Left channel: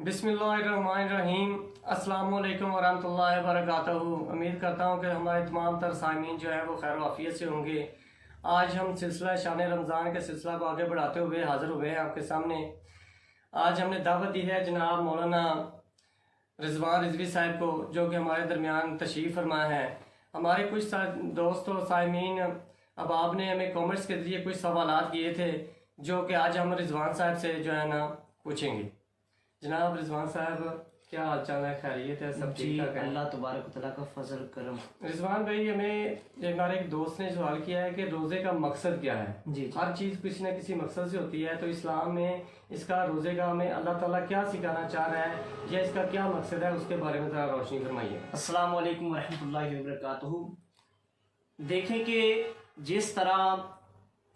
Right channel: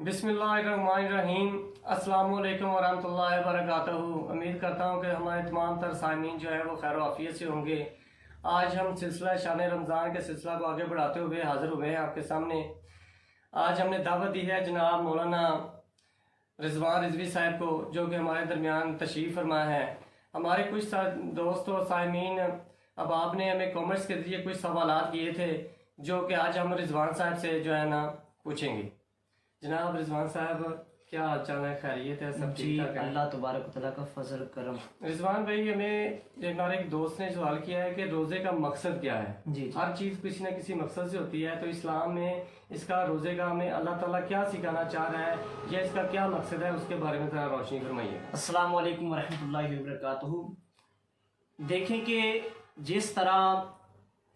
बिस्मिल्लाहिर्रहमानिर्रहीम। अस्सलाम वालेकुम वरहमतुल्लाहि वबरकातुहू। उम्मीद करता हूँ कि हमारे तमाम तर सामीन जो है वो खैर वाफियत से होंगे। आज हम सिलसिला शान रमज़ान के सिलसिला को आगे बढ़ाते हुए हाज़िर हुए हैं आपके सामने। आज हमने दावत दी है जनाब मौलाना रिजवान रिजवी साहब को, जो कि हमारे दरमियान तशरीफ़ फरमा है। हमारे कुछ दोस्तों सामीन अहबाब ने हमें कमेंट्स के जरिए कुछ सवालात किए थे, जो कि आज हम रिजवान साहब से जो है ना पूछेंगे। जनाब रिजवान साहब, क्या हाल चाल है? खैरियत है? सब ठीक ठाक है? अल्लाह तबारक व तआला का फजल करम। रिजवान भाई, हमें हमारे एक दोस्त ने सवाल किया है कि रोजे का मकसद क्या है? जी। हर चीज किसी न किसी मकसद से होती है, तो इस्लाम में इसका रोजे का हमें अल्लाह ताला क्या सिखाना चाह रहा है या इसका क्या मकसद है, उसके बारे में थोड़ा रोशनी फरमाइए। अस्सलाम वालेकुम रहमतुल्लाहि व बरकातुहू। देखें कि जिस तरह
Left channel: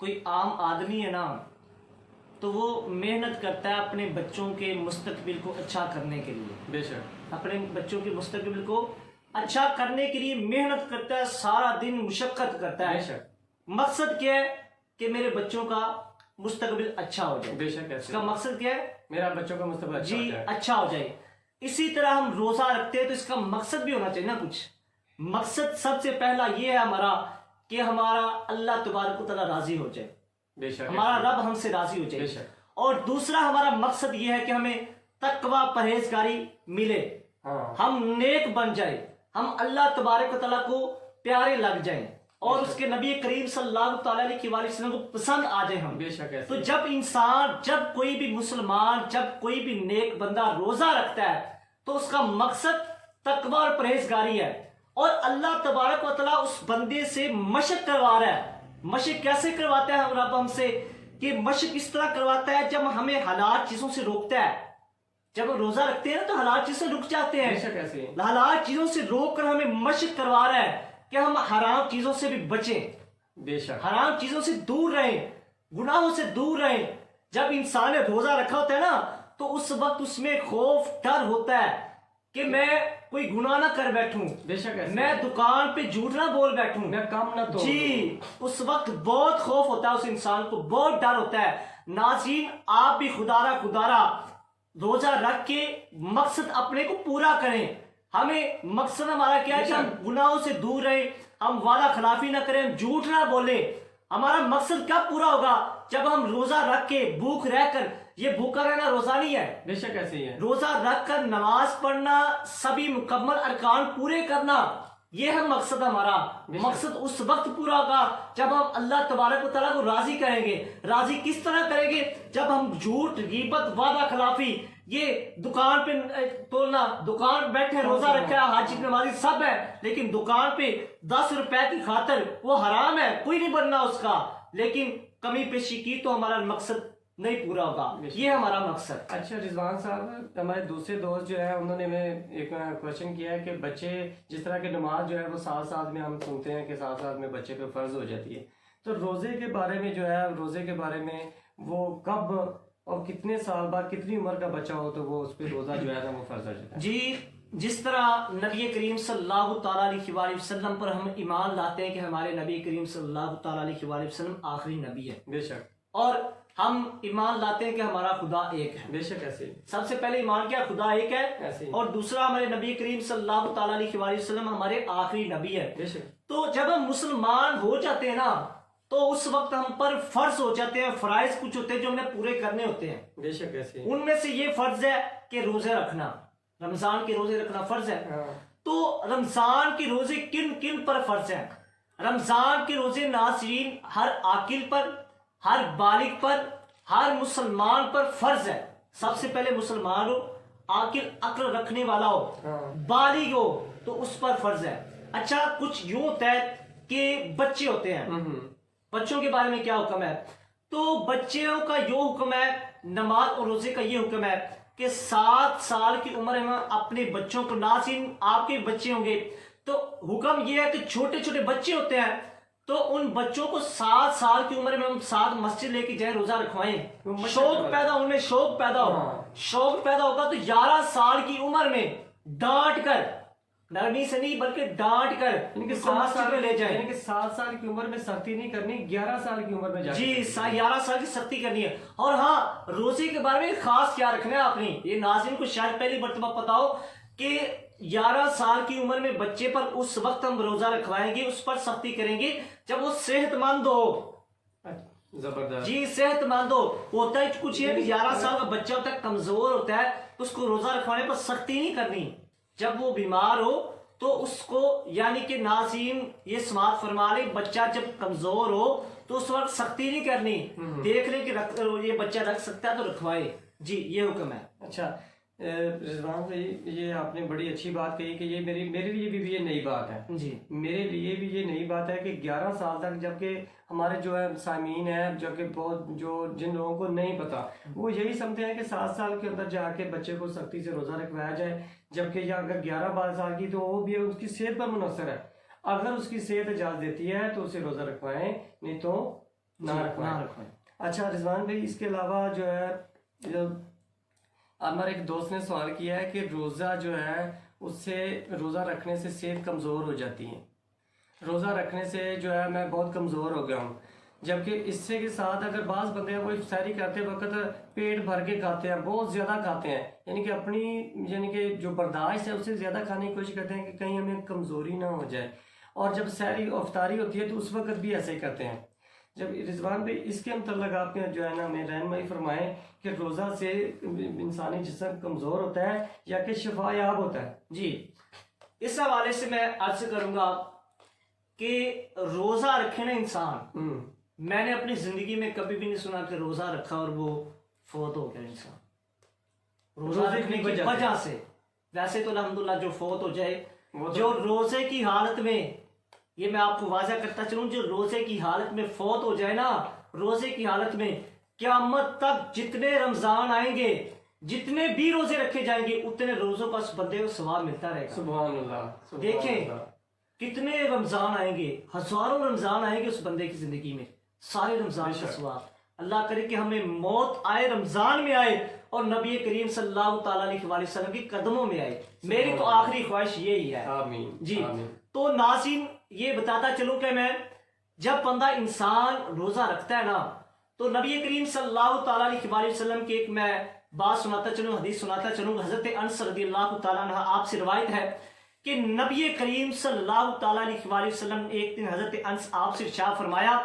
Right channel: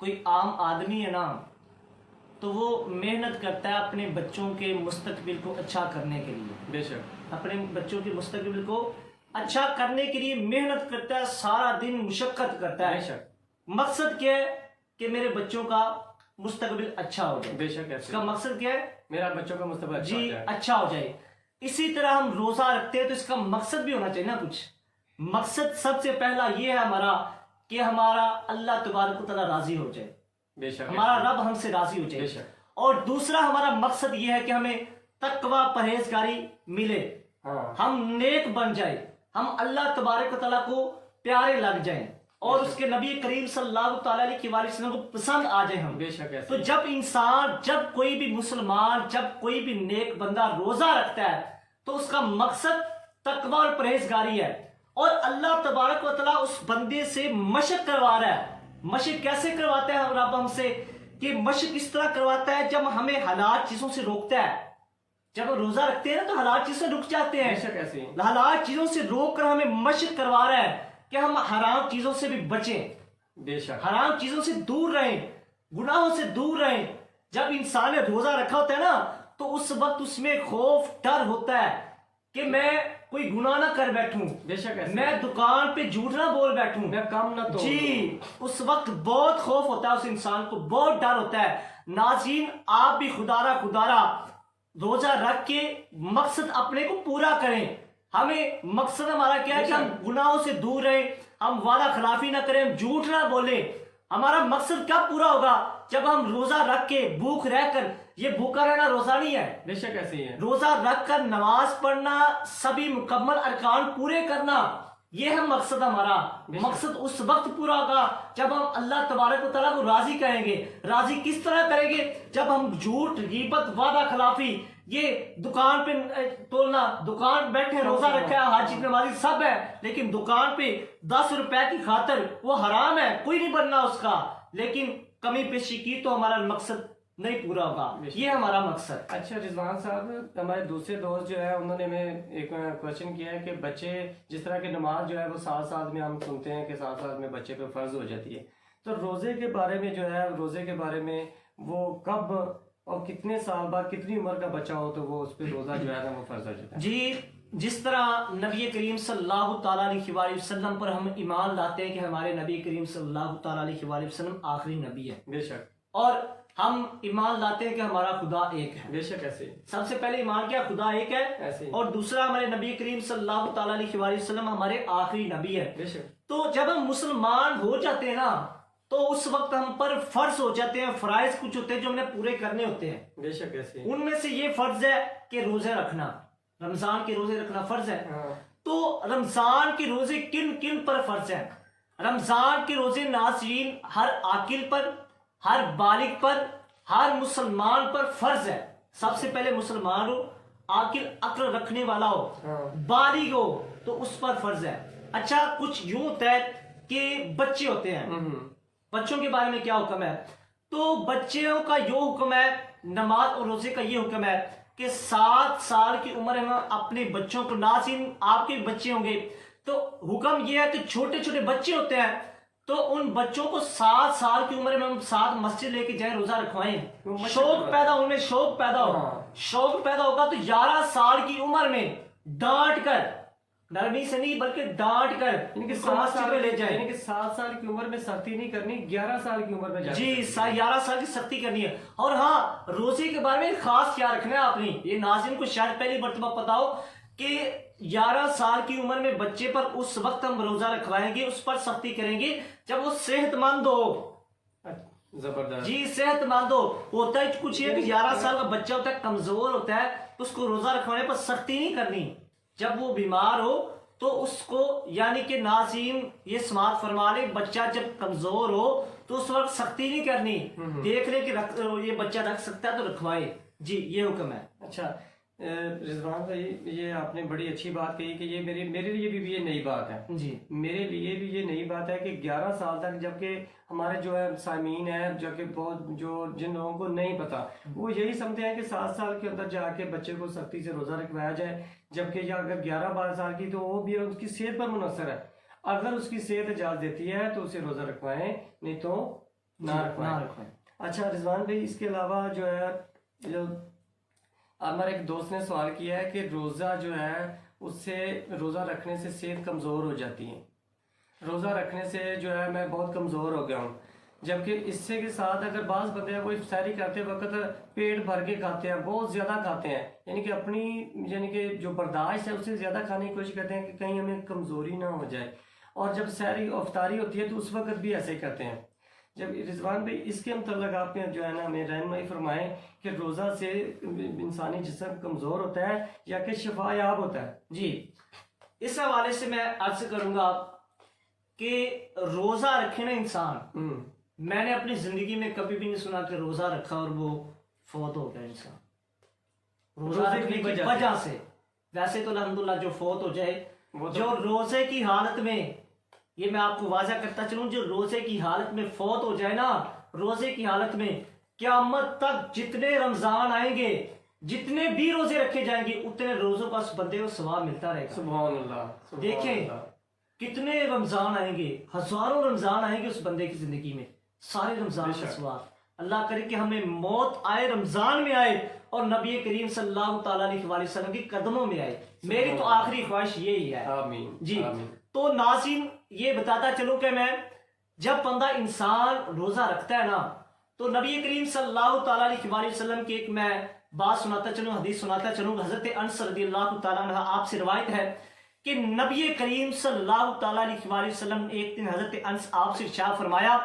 कोई आम आदमी है ना, तो वो मेहनत करता है अपने बच्चों के मुस्तकबिल को अच्छा करने के लिए। बेशक अपने बच्चों के मुस्तकबिल को अच्छा करने के लिए मेहनत करता है, सारा दिन मुशक्कत करता है। बेशक मकसद क्या है कि मेरे बच्चों का मुस्तकबिल अच्छा हो जाए। बेशक इसका मकसद क्या है? मेरा बच्चों का मुस्तकबिल अच्छा हो जाए। अच्छा हो जाए। इसी तरह हम रोजा रखते हैं तो इसका मकसद भी होना चाहिए ना कुछ। मकसद सबसे पहला ये है हमारा कि हमारा अल्लाह तबारक व तआला राजी हो जाए, बेशक हमारा रब हमसे राजी हो जाए। और दूसरा हमारा मकसद ये है कि हमें तकवा परहेजगारी मिले, हम नेक बन जाए, हम अल्लाह तबारक व तआला को प्यारे लग जाएं और उसके नबी करीम सल्लल्लाहु अलैहि वसल्लम को पसंद आ जाए हम। बेशक तो जब कोई भी मुसलमान, जब कोई भी नेक बंदा रोजा रखता है तो उसका मकसद तकवा और परहेजगारी है। और अल्लाह तबारक व तआला उस बंदे से मशक करवा रहा है। मशक कैसे करवाता है रब हमसे? कि मशक इस तरह करवाता है जब हमें हलाल चीजों से रोकता है। जब हम रोजा रखते हैं ना तो हलाल चीज से रुक जाते हैं। हलाल चीजों से रोक कर हमें मशक करवा रहा है कि हम हराम चीजों से भी बचें। बेशक हराम चीजों से दूर रहें, गुनाहों से दूर रहें। जब इंसान ने रोजा रखा होता है ना, तो उस वक्त उसमें खौफ डर होता है कि मैं कोई गुनाह ना कर बैठूं, बेशक मैं दुकान पे झूठ ना बोल बैठूं, मैं काम ना तो जी। उस वक्त बहुत खौफ होता है उस इंसान को, बहुत डर होता है। नाज़रीन, आप भी खुदारा रोजा रख के मकसद अपने को पूरा करें। हमें मकसद हमारा क्या है कि हम गुनाहों से दूर रहें, हम वादा खिलाफी ना करें, हम झूठ ना बोले। हमारा मकसद कब पूरा होगा? जब हम रोजा रख के भूख रहकर, ये भूखा रहना रोजा नहीं है। बेशक ऐसे ही है। रोजा रख कर नमाज पढ़ना, सभी मुकम्मल अरकान पूरे करना, ये है मकसद हमारा। मकसद उस वक्त पूरा होगा जब हम अल्लाह तबारक व तआला को राजी करेंगे। राजी किस तरह करेंगे? जब हम झूठ, गीबत, वादा खिलाफी, ये दुकान पे तोड़ना, दुकान बैठे रोजा रखा है, हाजी नमाजी सब है, लेकिन दुकान पे 10 रुपए की खातिर वो हराम है, कोई नहीं बनना उसका। लेकिन कमी पेशी की तो हमारा मकसद नहीं पूरा होगा। ये हमारा मकसद। अच्छा रिजवान साहब, हमारे दूसरे दोस्त जो है उन्होंने हमें एक क्वेश्चन किया है कि बच्चे जिस तरह की नमाज जो है वो साथ में हम सुनते हैं कि साथ में बच्चे पे फर्ज हो जाती है, तो रोजे के बारे में जो है, रोजे के बारे में वो कब और कितने साल बाद, कितनी उम्र का बच्चा हो तो वो उस पर रोजा जो है ना वो फर्ज हो जाता है? जी, जिस तरह नबी करीम सल्लल्लाहु अलैहि वसल्लम पर हम ईमान लाते हैं कि हमारे नबी करीम सल्लल्लाहु अलैहि वसल्लम आखिरी नबी है, बेशक, और हम ईमान लाते हैं कि हमारा खुदा एक है, बेशक ऐसे। सबसे पहले ईमान क्या? खुदा एक है ऐसे। और दूसरा हमारे नबी करीम सल्लल्लाहु अलैहि वसल्लम हमारे आखिरी नबी है, बेशक। तो जब हम मुसलमान हो जाते हैं ना, तो उस वक्त हम पर फर्ज हो जाते हैं, फराइज कुछ होते हैं जो हमने पूरे करने होते हैं, बेशक ऐसे। उनमें से ये फर्ज है कि रोजे रखना, रमजान के रोजे रखना फर्ज है। तो रमजान के रोजे किन किन पर फर्ज है? रमजान के रोजे नाज़रीन हर आकिल पर, हर बालिग पर, हर मुसलमान पर फर्ज है। सबसे पहले मुसलमान हो, आकिल अक्ल रखने वाला हो, बालिग हो, तो उस पर फर्ज है। अच्छा, कुछ यूं होता है कि बच्चे होते हैं, बच्चों के बारे में क्या हुक्म है? तो बच्चों का यो हुक्म है, नमाज और रोजे का ये हुक्म है कि 7 साल की उम्र में अपने बच्चों को, नाज़रीन आपके बच्चे होंगे तो हुक्म ये है कि छोटे छोटे बच्चे होते हैं तो उन बच्चों को 7 साल की उम्र में हम साथ मस्जिद लेके जाए, रोजा रखवाएं। शौक पैदा, उनमें शौक पैदा हो, शौक पैदा होगा तो 11 साल की उम्र में डांट कर नरमी से नहीं बल्कि डांट कर इनके उसको मस्जिद में ले जाए। यानी कि 7 साल की उम्र में सख्ती नहीं करनी, 11 साल की उम्र में जाके जी 11 साल की सख्ती करनी है। और हाँ, रोजे के बारे में खास क्या रखना है आपने, ये नाज़रीन को शायद पहली मर्तबा पता हो कि 11 साल की उम्र में बच्चे पर उस वक्त हम रोजा रखवाएंगे, उस पर सख्ती करेंगे जब वो सेहतमंद हो। जबरदस्त जी सेहतमंद हो। होता है कुछ ये कि 11 साल का बच्चा होता है, कमजोर होता है, तो उसको रोजा रखवाने पर सख्ती नहीं करनी। जब वो बीमार हो तो उसको, यानी कि नाज़रीन ये समात फरमा ले, बच्चा जब कमजोर हो तो उस वक्त सख्ती नहीं करनी, देख ले कि ये बच्चा रख सकता है तो रखवाए। जी ये हुक्म है। अच्छा रिजवान भाई, ये आपने बड़ी अच्छी बात कही कि ये मेरे लिए भी ये नई बात है जी। मेरे लिए भी ये नई बात है कि 11 साल तक, जबकि हमारे जो है सामीन है, जबकि बहुत जो जिन लोगों को नहीं पता वो यही समझते हैं कि 7 साल के अंदर जाके बच्चे को सख्ती से रोजा रखवाया जाए, जबकि या अगर 11-12 साल की तो वो भी उसकी सेहत पर मुनसर है। अगर उसकी सेहत इजाजत देती है तो उसे रोजा रखवाएं, नहीं तो ना रखवाएं। अच्छा रिजवान भाई, इसके अलावा जो है, जो हमारे एक दोस्त ने सवाल किया है कि रोज़ा जो है उससे, रोज़ा रखने से सेहत कमज़ोर हो जाती है, रोज़ा रखने से जो है मैं बहुत कमज़ोर हो गया हूँ, जबकि इससे के साथ अगर बाज़ बंदे वो इफ्तारी करते वक्त पेट भर के खाते हैं, बहुत ज़्यादा खाते हैं, यानी कि अपनी, यानी कि जो बर्दाश्त है उससे ज़्यादा खाने की कोशिश करते हैं कि कहीं हमें कमज़ोरी ना हो जाए, और जब सहरी इफ्तारी होती है तो उस वक्त भी ऐसे ही करते हैं। जब रिजवान भाई इसके मतलब आपने जो है ना हमें रहनुमाई फरमाए कि रोज़ा से इंसानी जिस्म कमज़ोर होता है या कि शिफायाब होता है। जी इस हवाले से मैं अर्ज करूंगा कि रोजा रखे ना इंसान, मैंने अपनी जिंदगी में कभी भी नहीं सुना कि रोजा रखा और वो फौत हो गया इंसान रोजा रखने की वजह से। वैसे तो अल्हम्दुलिल्लाह जो फौत हो जाए, जो रोजे की हालत में, ये मैं आपको वाजा करता चलूं, जो रोजे की हालत में फौत हो जाए ना, रोजे की हालत में क़यामत तक जितने रमजान आएंगे, जितने भी रोजे रखे जाएंगे, उतने रोजों का उस बंदे को सवाब मिलता रहेगा। सुभान अल्लाह। देखें कितने रमजान आएंगे, हजारों रमजान आएंगे उस बंदे की जिंदगी में, सारे रमजान का सवाब। अल्लाह करे कि हमें मौत आए, रमजान में आए और नबी करीम सल्लल्लाहु ताला अलैहि वसल्लम के कदमों में आए। मेरी तो आखिरी ख्वाहिश यही है। आमीन जी आमीन। तो नाज़रीन ये बताता चलूं कि मैं, जब बंदा इंसान रोजा रखता है ना, तो नबी करीम सल्लल्लाहु ताला अलैहि वसल्लम की एक मैं बात सुनाता चलूं, हदीस सुनाता चलूं। हजरत अनस रज़ियल्लाहु ताला अन्हा आपसे रिवायत है कि नबी करीम सल्लल्लाहु ताला अलैहि वसल्लम एक दिन हजरत अनस आपसे इरशाद फरमाया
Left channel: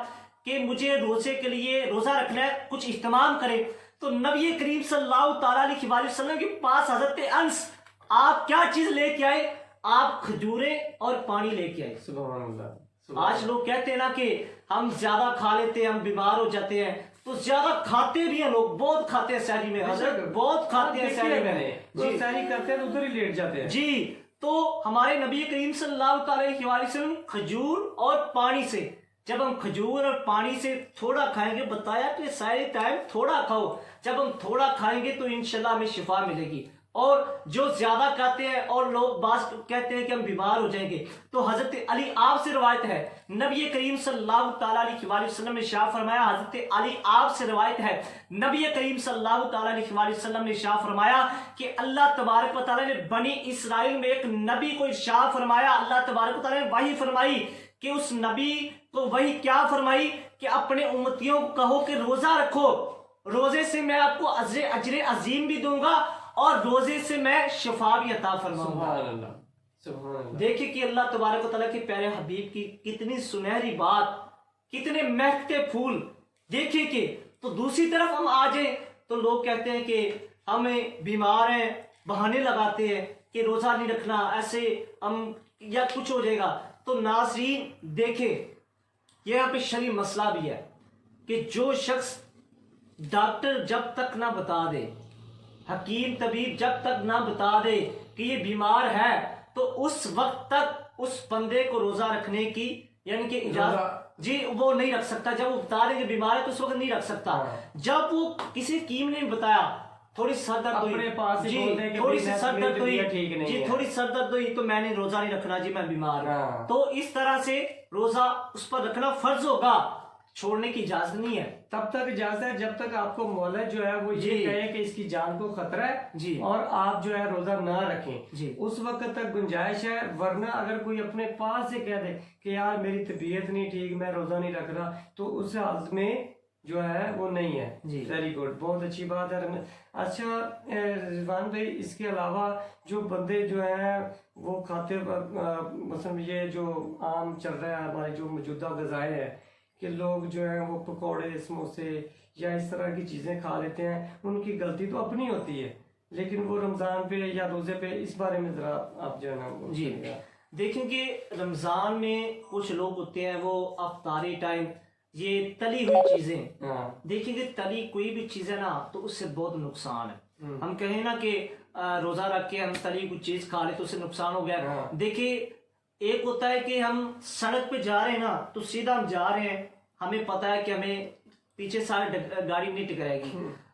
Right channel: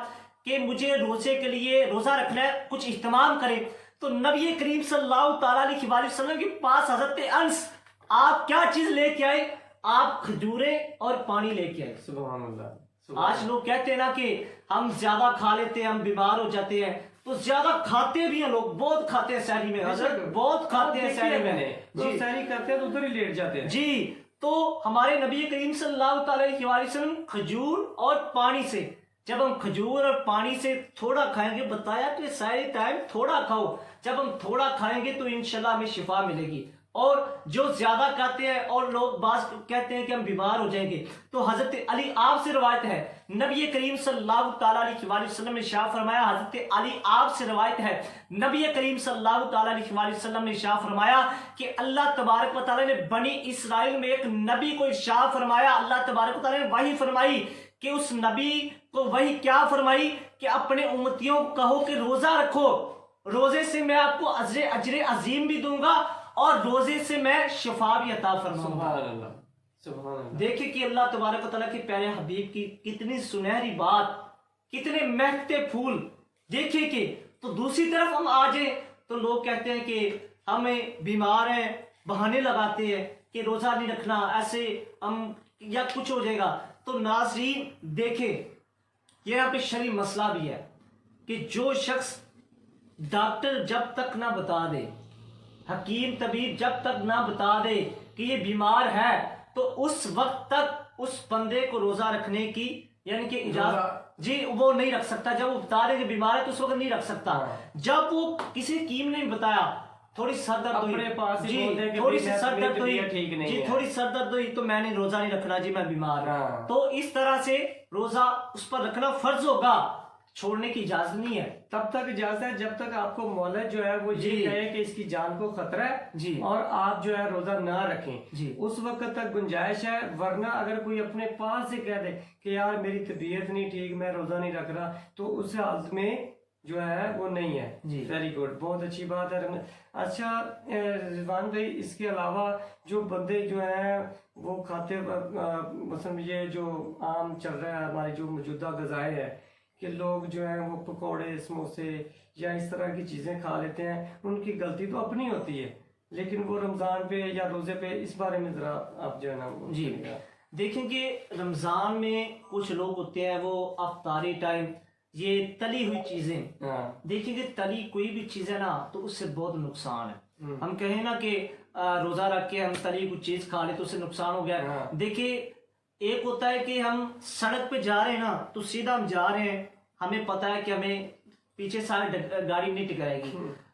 कि मुझे रोजे के लिए रोजा रखना है, कुछ इहतमाम करें। तो नबी करीम सल्लल्लाहु ताला अलैहि वसल्लम के पास हजरत अनस आप क्या चीज लेके आए? आप खजूरें और पानी लेके आए। सुभान अल्लाह। आज लोग कहते हैं ना कि हम ज्यादा खा लेते हैं, हम बीमार हो जाते हैं, तो ज्यादा खाते भी हैं लोग, बहुत खाते हैं सहरी में, हजरत बहुत खाते हैं सहरी में, जी सहरी करते हैं तो उधर ही लेट जाते हैं। जी तो हमारे नबी करीम सल्लल्लाहु अलैहि वसल्लम खजूर और पानी से, जब हम खजूर और पानी से थोड़ा खाएंगे, बताया कि सारे टाइम थोड़ा खाओ, जब हम थोड़ा खाएंगे तो इंशाल्लाह हमें शिफा मिलेगी। और जो ज्यादा खाते हैं और लोग बात कहते हैं कि हम बीमार हो जाएंगे, तो हजरत अली आप से रवायत है, नबी करीम सल्लल्लाहु ताला अलैहि वसल्लम ने शाह फरमाया, हजरत अली आप से रवायत है, नबी करीम सल्लल्लाहु ताला अलैहि वसल्लम ने शाह फरमाया कि अल्लाह तबारक व तआला ने बनी इसराइल में एक नबी को इरशाद फरमाया, अल्लाह तबारक व तआला ने वही फरमाई कि उस नबी को वही क्या फरमाई कि अपने उम्मतियों को कहो कि रोजा रखो, रोजे से मैं आपको अजरे अजीम भी दूंगा और रोजे से मैं शिफा भी अता फरमाऊंगा। देखिए कि अल्लाह तबारक व तआला के प्यारे हबीब की कितनी सुनहरी बात, कितने महकते फूल। देखिए कि तो दूसरी तरफ हम आ जाए तो लोग कहते हैं कि हमें बीमार हैं, बहाने लगाते हैं कि रोजा नहीं रखना, ऐसे हम या कुछ हो जाएगा। तो नाज़रीन देखें यहाँ पे शरई मसला भी है कि जो शख्स, डॉक्टर जब तक ना बता दे, हकीम तबीब जब तक ना बता दे कि ये बीमार है, तो उस वक्त तक उस बंदे को रोजा रखने की यानी कि इजाजत जी वो नहीं रख सकता। जब वो बता देंगे बीमार है तो उस वक्त नहीं रख सकता। जब वो किसी हकीम ने बताया थोड़ी सर दर्द हुई, थोड़ी सी सर दर्द हुई, जी थोड़ी सर दर्द हुई तो मैंने रोजा नहीं रखना जी, मैं बीमार हूं, तो इस तरह से रोजा उस पर रखना फर्ज होगा। छोड़ने की इजाजत नहीं है। तब तक इजाजत है जब तक आपको मौलवी जो है वो ये जी। कहे कि इसकी जान को खतरा है जी। और आप जो है रोजा ना रखें, जी। उस वक्त तक गुंजाइश है। वरना अगर कोई अपने पास से कह दे कि यार मेरी तबीयत नहीं ठीक, मैं रोजा नहीं रख रहा, तो उस हालत में जो है वो नहीं है। जी। वेरी गुड, बहुत अच्छी बात है। अच्छा रिजवान भाई, इसके अलावा जो बंदे जो हैं वो खाते मसलन ये जो आम चल रहा है हमारी जो मौजूदा गज़ाएँ है कि लोग जो है वो पकौड़े समोसे या इस तरह की चीज़ें खा लेते हैं, उनकी गलती तो अपनी होती है, लेकिन वो रमज़ान पे या रोज़े पे इस बारे में ज़रा आप जो है ना जी। देखेंगे रमज़ान में कुछ लोग होते हैं वो अफ्तारी टाइम ये तली हुई चीजें, हाँ। देखिए तली कोई भी चीज है ना तो उससे बहुत नुकसान है। हम कहें ना कि रोजा रख के हम तली कुछ चीज खा ले तो उससे नुकसान हो गया। हाँ। देखिए एक होता है कि हम सड़क पे जा रहे हैं ना तो सीधा हम जा रहे हैं, हमें पता है कि हमें पीछे सारी गाड़ी नहीं टकराएगी।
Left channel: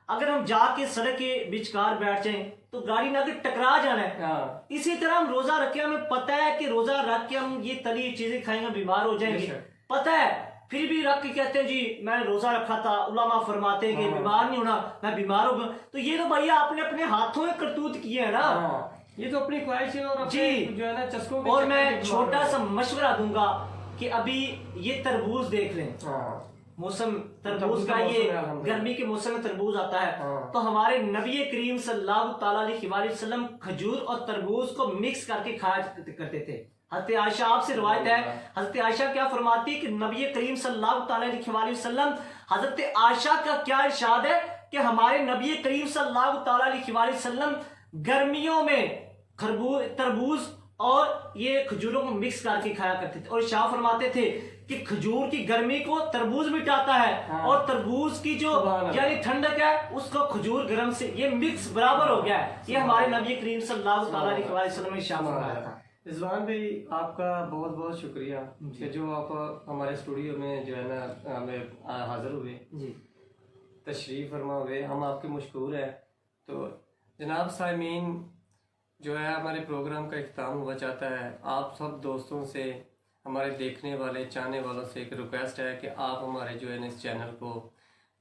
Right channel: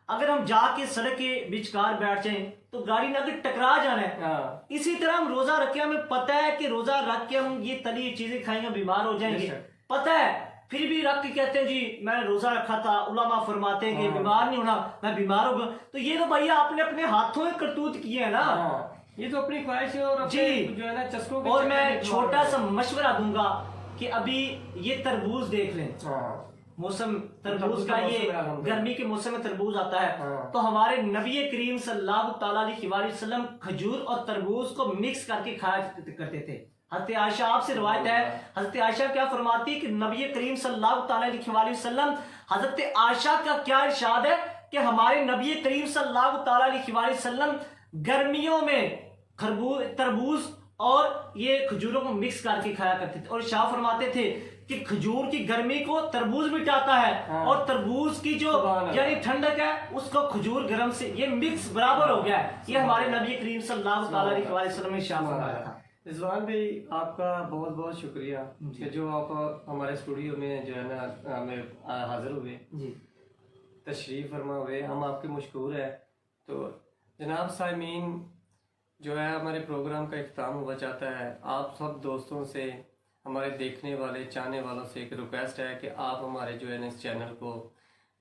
अगर हम जाके सड़क के बीचकार बैठ जाएं तो गाड़ी ना टकरा जाना है। हाँ। इसी तरह हम रोजा रख के हमें पता है कि रोजा रख के हम ये तली चीजें खाएंगे बीमार हो जाएंगे, पता है, फिर भी रख के कहते हैं जी मैंने रोजा रखा था, उलमा फरमाते हैं कि बीमार नहीं होना, मैं बीमार हो गया। तो ये तो भैया आपने अपने हाथों में करतूत किए है ना। ये तो अपनी ख्वाहिश है और अपने जी। जो है ना चस्कों के और चक्कर मैं में छोटा सा मशवरा दूंगा कि अभी ये तरबूज देख लें, मौसम तरबूज का, ये गर्मी के मौसम में तरबूज आता है। तो हमारे नबी करीम सल्लल्लाहु अलैहि वसल्लम खजूर और तरबूज को मिक्स करके खाया करते थे। हज़रत आयशा आपसे रिवायत है, हज़रत आयशा क्या फरमाती कि नबी करीम सल्लल्लाहु अलैहि वसल्लम, हज़रत आयशा का क्या इरशाद है कि हमारे नबी करीम सल्लल्लाहु अलैहि वसल्लम गर्मियों में तरबूज और ये खजूरों को मिक्स करके खाया करते थे। और शाह फरमाते थे कि खजूर की गर्मी को तरबूज मिटाता है और तरबूज की जो यानी ठंडक है उसको खजूर गर्म से, ये मिक्स बराबर हो गया है। ये हमारे नबी करीम सल्लल्लाहु अलैहि वसल्लम ने शाह फरमाया था। रिजवान भाई आपका बहुत बहुत शुक्रिया कि जो आप हमारे स्टूडियो में जो है ना हमें हाजिर हुए, तशरीफ फरमा हुए, हम आपके मशकूर हैं। तो जनाब साइमीन जो है हमारे प्रोग्राम का इख्तिताम हुआ चाहता है। आप सब दोस्तों से, हमारे देखने वाले चाहने वालों से एक रिक्वेस्ट है कि आप हमारे जो है इस चैनल को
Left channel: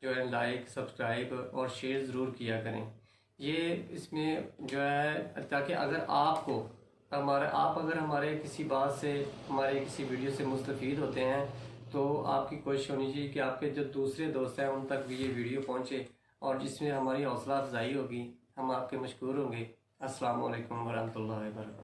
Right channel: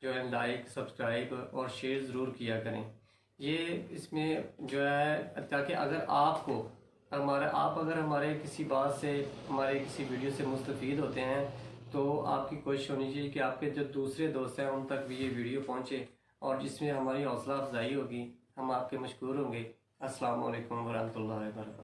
जो है लाइक सब्सक्राइब और शेयर ज़रूर किया करें। ये इसमें जो है ताकि अगर आपको आप अगर हमारे किसी बात से, हमारे किसी वीडियो से मुस्तफ़ीद होते हैं तो आपकी कोशिश होनी चाहिए कि आपके जो दूसरे दोस्त हैं उन तक भी ये वीडियो पहुंचे और जिसमें हमारी हौसला अफजाई होगी, हम आपके मशकूर होंगे। अस्सलाम वालेकुम वरहमतुल्लाहि वबरकातुहू।